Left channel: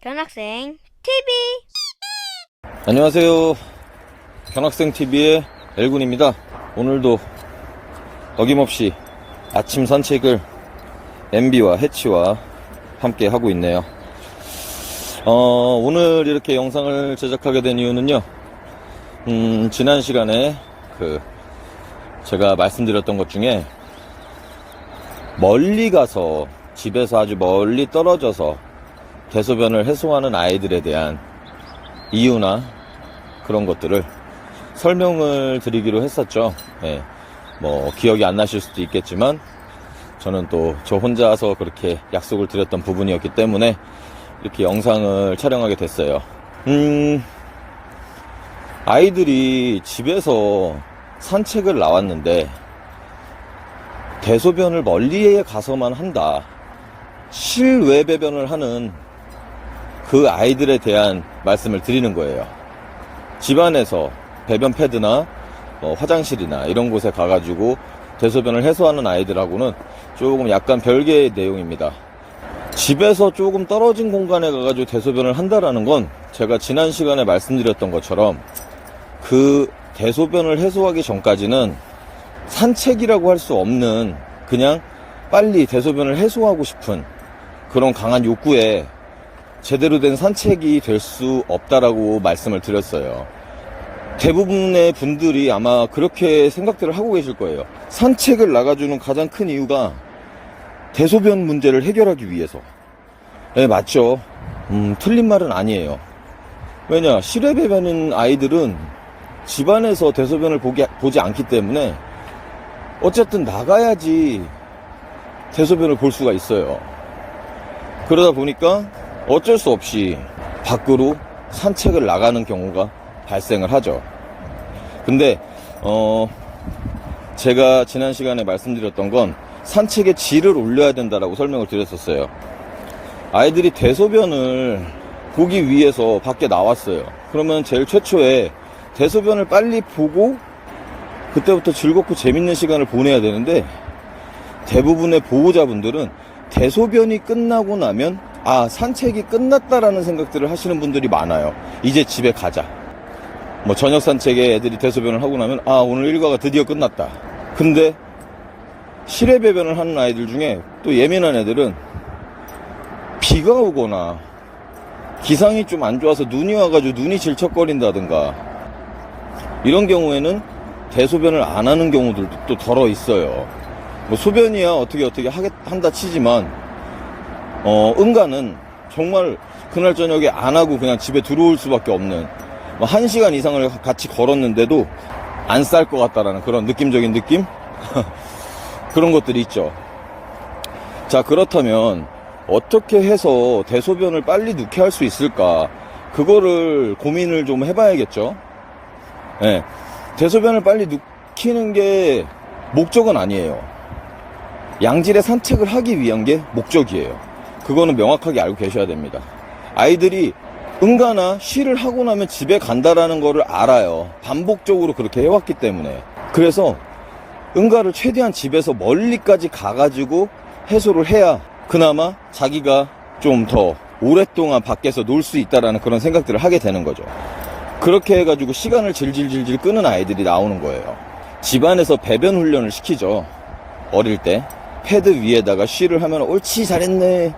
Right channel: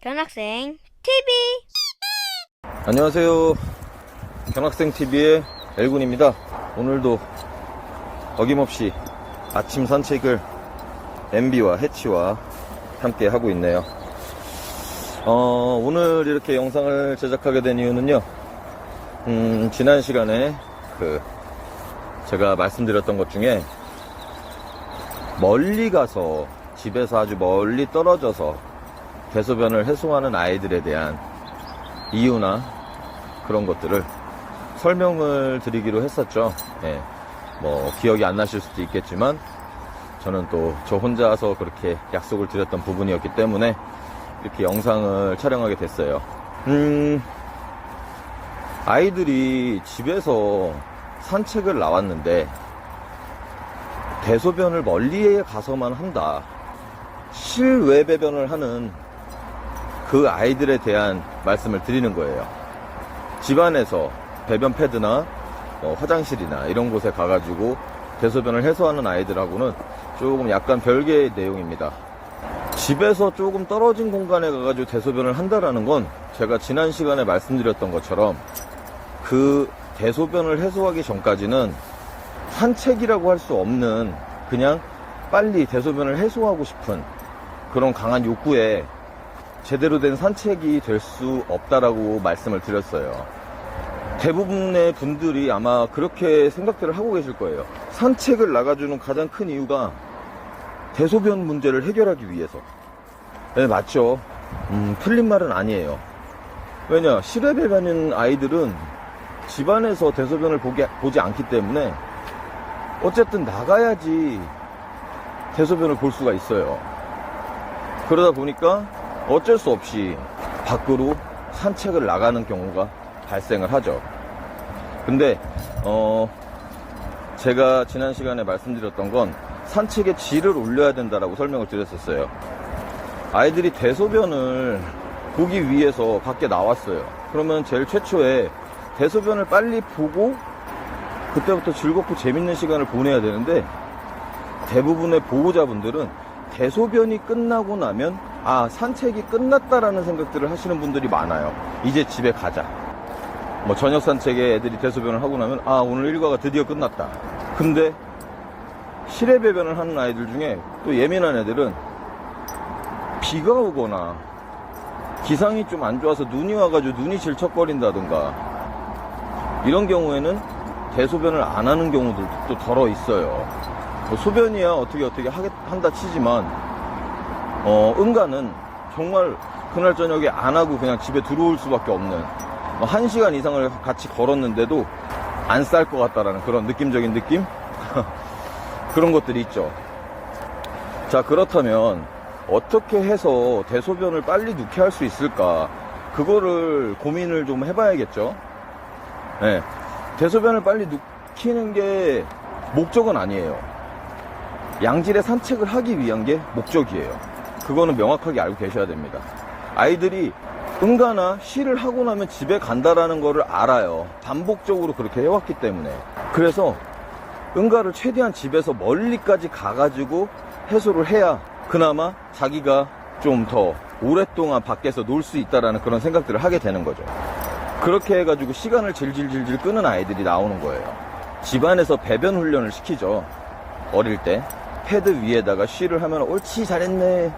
견학생 TV. 안녕하세요. 견학생TV의 엘군입니다. 오늘도 어김없이 아침 산책을 MB와 해치와 함께 하고 있네요. 오늘 이렇게 영상을 제작하게 된 이유는요, 지난 시간에 제가 말씀드렸던 것 중에 멀리 가서 집에서 아주 멀리 떨어져서 대소변을 해소하는 아이들에 대한 이유나 그런 것들을 설명을 드리기로 했었죠. 예, 뭐 기억이 안 나실 수도 있겠지만 저는 또 저 혼자서 그렇게 약속을 드렸던 부분이었기 때문에 이렇게 영상을 촬영하게 됐어요. 아이들이 집에서 산책을 나왔는데 대소변을 멀리에 가서만 한다, 실외 배변을 하는 그 아이들에 대한 말씀을 드리는 거예요. 집안에서 배변 패드나 화장실이나 이런 곳에 가가지고 대소변을 해소하는 아이들하고는 조금 약간 별개의 내용입니다. 집에서 조금 떨어진 공간에 가가지고 대소변을 한다라는 건 제가 지난 시간에 말씀드렸던 것처럼 그 대소변을 해소하기 전까지는 산책이라고 할 수 없는, 그냥 빨리 대소변을 해소하고 싶은 그런 강한 욕구에 제대로 된 산책이 될 수 없다라고 말씀을 드렸어요. 대부분의 분들이 아마 그렇게 생각들을 하고 계실 거예요. 산책을 나가주는 가장 큰 이유가 대소변 문제를 해결하기 위해서. 네, 맞죠. 틀린 말은 아니에요. 왜냐, 실외 배변인 아이들은 집안에서 대소변을 보지 않기 때문에 어쨌든 나가야지 대소변을 볼 수가 있어요. 그러다 보니까 어쩔 수 없이 밖으로 산책을 나가는 경우가 발생을 하죠. 근데 제가 지난 시간에 말씀드렸던 건 산책의 질을 올려야 된다라고 설명을 드렸었어요. 아이들이 대소변을 보기 위해서 밖에 나왔어요. 그러면 제일 최초에 대소변을 빨리 보고 그때부터 즐겁고 재밌는 시간을 보내야 되는데, 대부분의 보호자분들은 대소변이 끝나고 나면 산책이 끝났다라는 생각들을 하시는 분들이 많아요. 이제 집에 가자. 뭐 저녁 산책에 애들이 대소변을 하고 나면 오늘 일과가 드디어 끝났다. 근데 실외 배변을 하는 아이들 중에 또 예민한 애들은 비가 오거나 기상이 좀 안 좋아서 눈이 와가지고 눈이 질척거린다든가 이런 경우에는 대소변을 안 하는 경우들도 또 덜어 있어요. 뭐 소변이야 어떻게 한다 치지만 응가는 정말 그날 저녁에 안 하고 그냥 집에 들어올 수밖에 없는, 1시간 이상을 같이 걸었는데도 안 쌀 것 같다라는 그런 느낌적인 느낌? 그런 것들이 있죠. 자, 그렇다면 어떻게 해서 대소변을 빨리 누게 할 수 있을까? 그거를 고민을 좀 해봐야겠죠. 네. 대소변을 빨리 누키는 게 목적은 아니에요. 양질의 산책을 하기 위한 게 목적이에요. 그거는 명확하게 알고 계셔야 됩니다. 아이들이 응가나 쉬를 하고 나면 집에 간다라는 거를 알아요. 반복적으로 그렇게 해왔기 때문에. 그래서 응가를 최대한 집에서 멀리까지 가가지고 해소를 해야 그나마 자기가 좀 더 오랫동안 밖에서 놀 수 있다라는 그런 생각들을 하게 되는 거죠. 그렇게 해가지고 시간을 질질질질 끄는 아이들이 나오는 거예요. 집안에서 배변 훈련을 시키죠. 어릴 때 패드 위에다가 쉬를 하면 옳지 잘했네,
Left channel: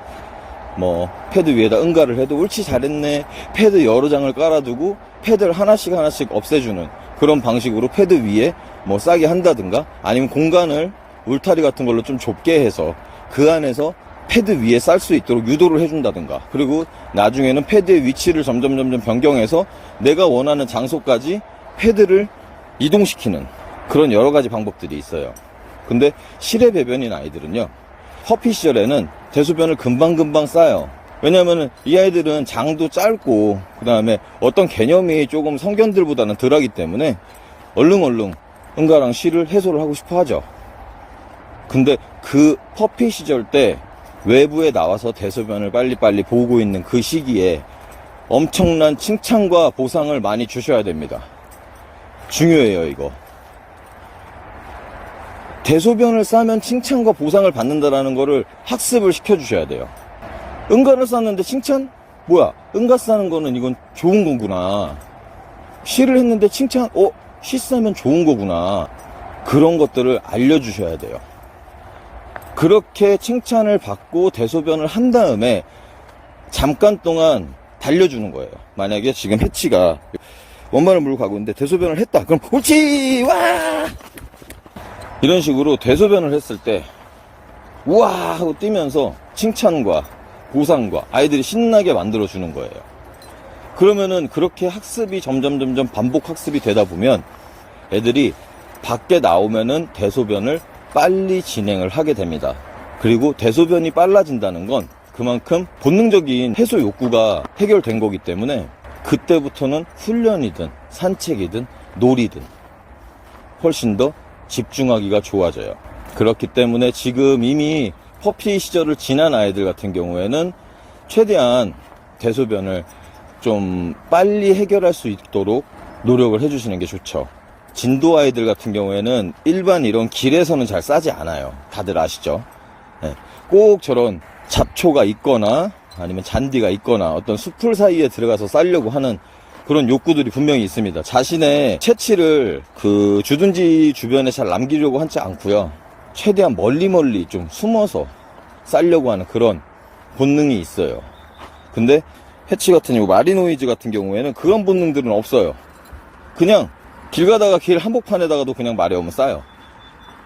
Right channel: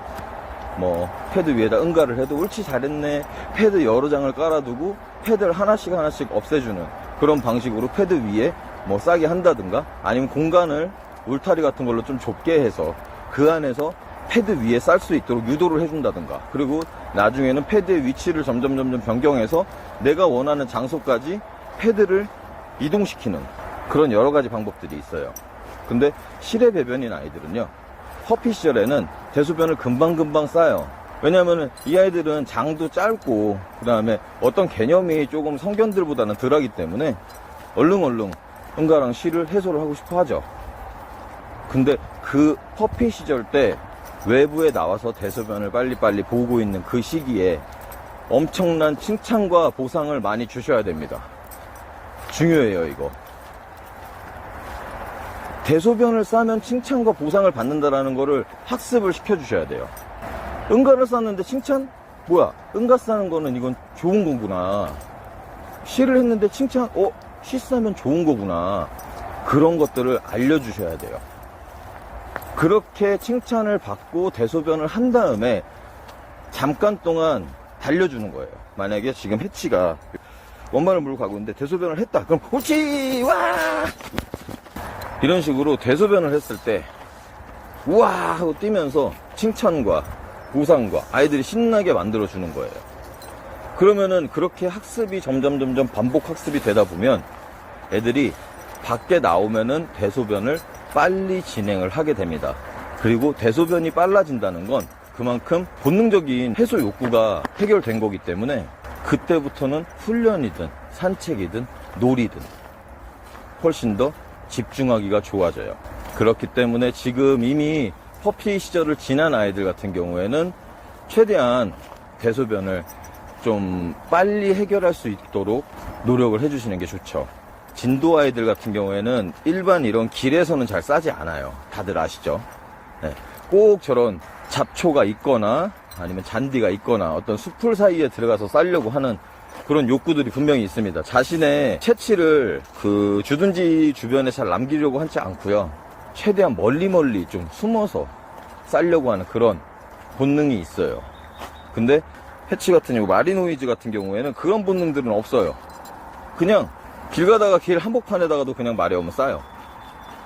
뭐 패드 위에다 응가를 해도 옳지 잘했네, 패드 여러 장을 깔아두고 패드를 하나씩 없애주는 그런 방식으로 패드 위에 뭐 싸게 한다든가, 아니면 공간을 울타리 같은 걸로 좀 좁게 해서 그 안에서 패드 위에 쌀 수 있도록 유도를 해준다든가, 그리고 나중에는 패드의 위치를 점점 변경해서 내가 원하는 장소까지 패드를 이동시키는 그런 여러 가지 방법들이 있어요. 근데 실외 배변인 아이들은요, 퍼피 시절에는 대소변을 금방 싸요. 왜냐면은 이 아이들은 장도 짧고 그 다음에 어떤 개념이 조금 성견들보다는 덜하기 때문에 얼른 응가랑 쉬를 해소를 하고 싶어 하죠. 근데 그 퍼피 시절 때 외부에 나와서 대소변을 빨리 보고 있는 그 시기에 엄청난 칭찬과 보상을 많이 주셔야 됩니다. 중요해요, 이거. 대소변을 싸면 칭찬과 보상을 받는다라는 거를 학습을 시켜주셔야 돼요. 응가를 쌌는데 칭찬? 뭐야, 응가스 하는 거는 이건 좋은 거구나. 쉬를 했는데 쉬 싸면 좋은 거구나. 그런 것들을 알려주셔야 돼요. 그렇게 칭찬을 받고 대소변을 한 다음에 잠깐 동안 달려주는 거예요. 만약에 지금 해치가 원반을 물고 가고 있는데 대소변을 했다. 그럼 옳지! 와! 이런 식으로 대소변을 했을 때 우와! 하고 뛰면서 칭찬과 보상과 아이들이 신나게 만들어주는 거예요. 그러면은 그렇게 학습이 점점 반복 학습이 되다 보면 애들이 밖에 나오면은 대소변을 빨리 진행을 하게 됩니다. 그리고 대소변이 빨라진다는 건 그만큼 본능적인 해소 욕구가 해결된 거기 때문에 그때부터는 훈련이든 산책이든 놀이든 훨씬 더 집중하기가 좋아져요. 그렇기 때문에 지금 이미 퍼피 시절을 지난 아이들 같은 경우에는 최대한 대소변을 좀 빨리 해결할 수 있도록 노력을 해주시는 게 좋죠. 진도 아이들 같은 경우에는 일반 이런 길에서는 잘 싸지 않아요. 다들 아시죠? 네. 꼭 저런 잡초가 있거나 아니면 잔디가 있거나 어떤 숲풀 사이에 들어가서 싸려고 하는 그런 욕구들이 분명히 있습니다. 자신의 채취를 그 주둔지 주변에 잘 남기려고 하지 않고요. 최대한 멀리 좀 숨어서 싸려고 하는 그런 본능이 있어요. 근데 해치 같은 경우, 마리노이즈 같은 경우에는 그런 본능들은 없어요. 그냥 길 가다가 길 한복판에다가도 그냥 말이 오면 싸요.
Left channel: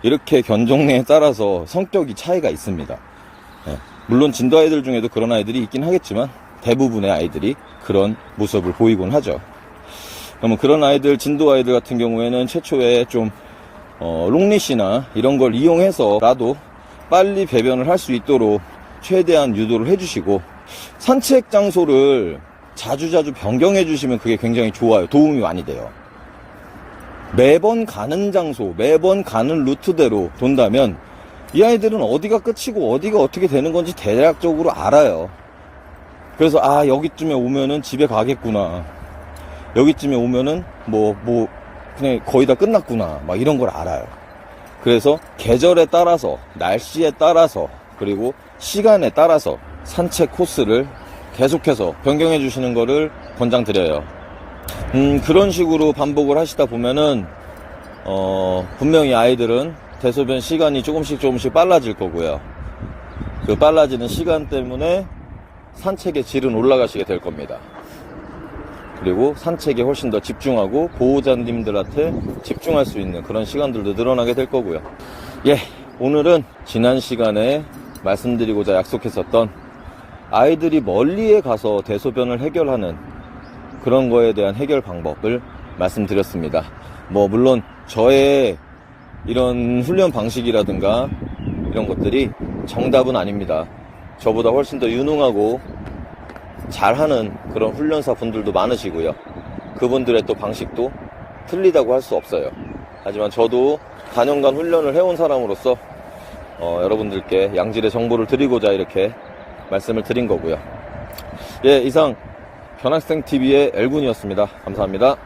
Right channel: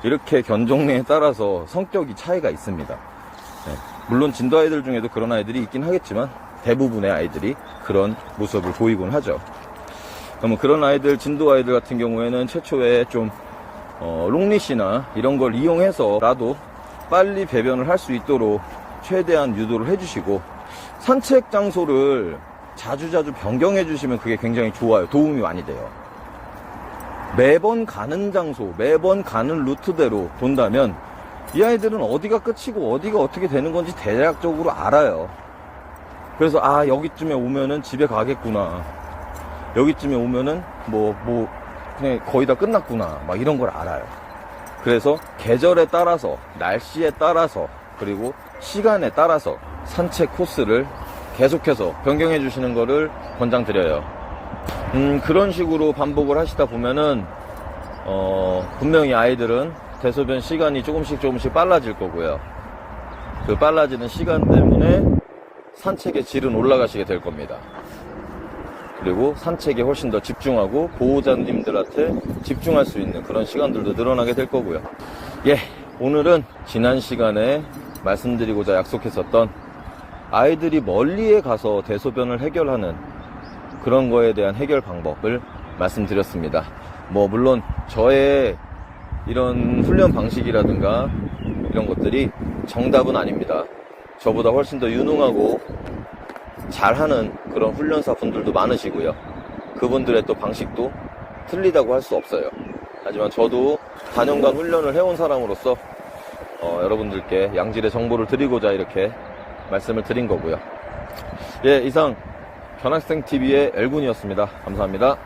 이렇게 견종에 따라서 성격이 차이가 있습니다. 네. 물론 진도 아이들 중에도 그런 아이들이 있긴 하겠지만 대부분의 아이들이 그런 모습을 보이곤 하죠. 그러면 그런 아이들, 진도 아이들 같은 경우에는 최초에 좀 롱리시나 이런 걸 이용해서라도 빨리 배변을 할 수 있도록 최대한 유도를 해주시고, 산책 장소를 자주 변경해 주시면 그게 굉장히 좋아요. 도움이 많이 돼요. 매번 가는 장소, 매번 가는 루트대로 돈다면 이 아이들은 어디가 끝이고 어디가 어떻게 되는 건지 대략적으로 알아요. 그래서 여기쯤에 오면은 집에 가겠구나, 여기쯤에 오면은 그냥 거의 다 끝났구나, 막 이런 걸 알아요. 그래서 계절에 따라서, 날씨에 따라서, 그리고 시간에 따라서 산책 코스를 계속해서 변경해 주시는 거를 권장드려요. 그런 식으로 반복을 하시다 보면은 분명히 아이들은 대소변 시간이 조금씩 빨라질 거고요. 그 빨라지는 시간 때문에 산책의 질은 올라가시게 될 겁니다. 그리고 산책에 훨씬 더 집중하고 보호자님들한테 집중할 수 있는 그런 시간들도 늘어나게 될 거고요. 오늘은 지난 시간에 말씀드리고자 약속했었던 아이들이 멀리에 가서 대소변을 해결하는 그런 거에 대한 해결 방법을 말씀드렸습니다. 물론 저의 이런 훈련 방식이라든가 이런 것들이 정답은 아닙니다. 저보다 훨씬 더 유능하고 잘하는 그런 훈련사 분들도 많으시고요. 그분들의 또 방식도 틀리다고 할 수 없어요. 하지만 저도 4년간 훈련을 해온 사람으로서 여러분들께 양질의 정보를 드리고자 이렇게 말씀을 드린 거고요. 이상 변학생TV의 엘군이었습니다. 감사합니다.